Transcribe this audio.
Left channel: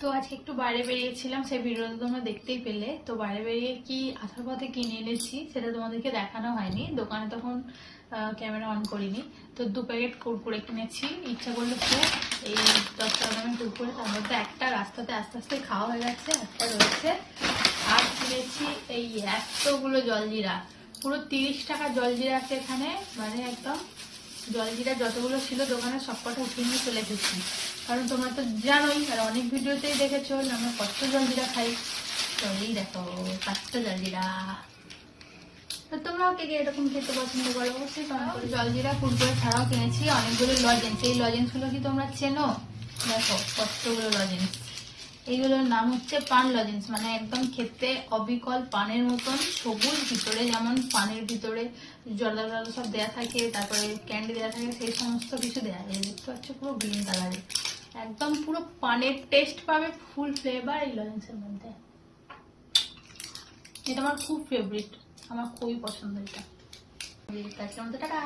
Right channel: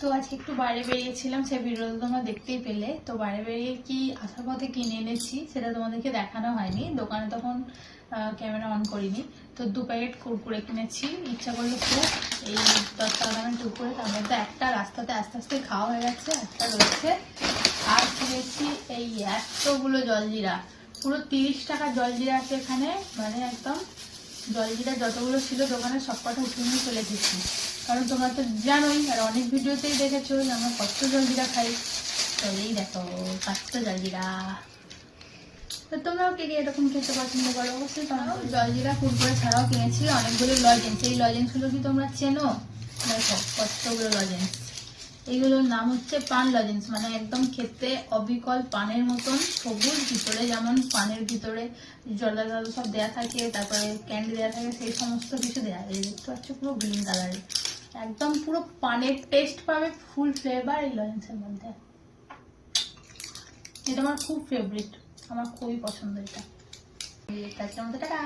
তো আজকে একটু বাইরে বেরিয়েছিলাম, সেই ভিডিওটা তোমরা দেখতেই পেলে। তো বাইরে বেরিয়ে কি আসার পথে কিনে এনেছি সেটা তোমাদেরকে দেখানো হয়নি, দোকানে তখন ক্যামেরা অন করিনি। তো 2 প্যাকেট কুরকুরে কিনেছি, ইচ্ছা করলো খুব। এই 10 টাকা দামের কুরকুরে, তার মধ্যে একটা রাস্তাতে আস্তে আস্তে খাওয়া হয়ে যাচ্ছে, একটা রয়েছে। আর কিনেছি এই এতগুলো জলজিরা, পুরো 30 টাকার জলজিরা আছে এখানে, মানে একদম জলজিরা যতগুলো ছিল দোকানে সবকটা উঠিয়ে নিয়ে চলে এসেছি। কারণ তোমরা তো জানোই, আর অনেক ভিডিওতেই দেখেছো যে আমরা কত জলজিরা খাই। তো এই দেখো 5টা জলজিরা। তোমরাও কে কে এরকম খেতে পছন্দ করো অবশ্যই কমেন্ট করো। জলজিরা কুরকুরে ছাড়াও কিনেছি অনেকগুলো লজেন্স। এই লজেন্সগুলো কি তোমরা চেনো? দেখো কতগুলো লজেন্স। এইগুলোর নাম হচ্ছে পান লজেন্স, মানে একদম খেতে অবিকল পানের মতন, সবুজ, ভিতরে যেমন পানের ভিতরে জল সব দেওয়া থাকে, তারপরে ক্যান্ডি দেওয়া থাকে, সেই সমস্ত কিছু দেওয়া থাকে। দেখতে পাচ্ছ পুরো গ্রিন কালারের, একদম পুরো পানের টেস্ট পাবে, ফুল ফ্লেভার এই লজেন্সের মধ্যে। এটা আমার খুব ফেভারিট, আমার খুবই পছন্দ এটা। টাটা।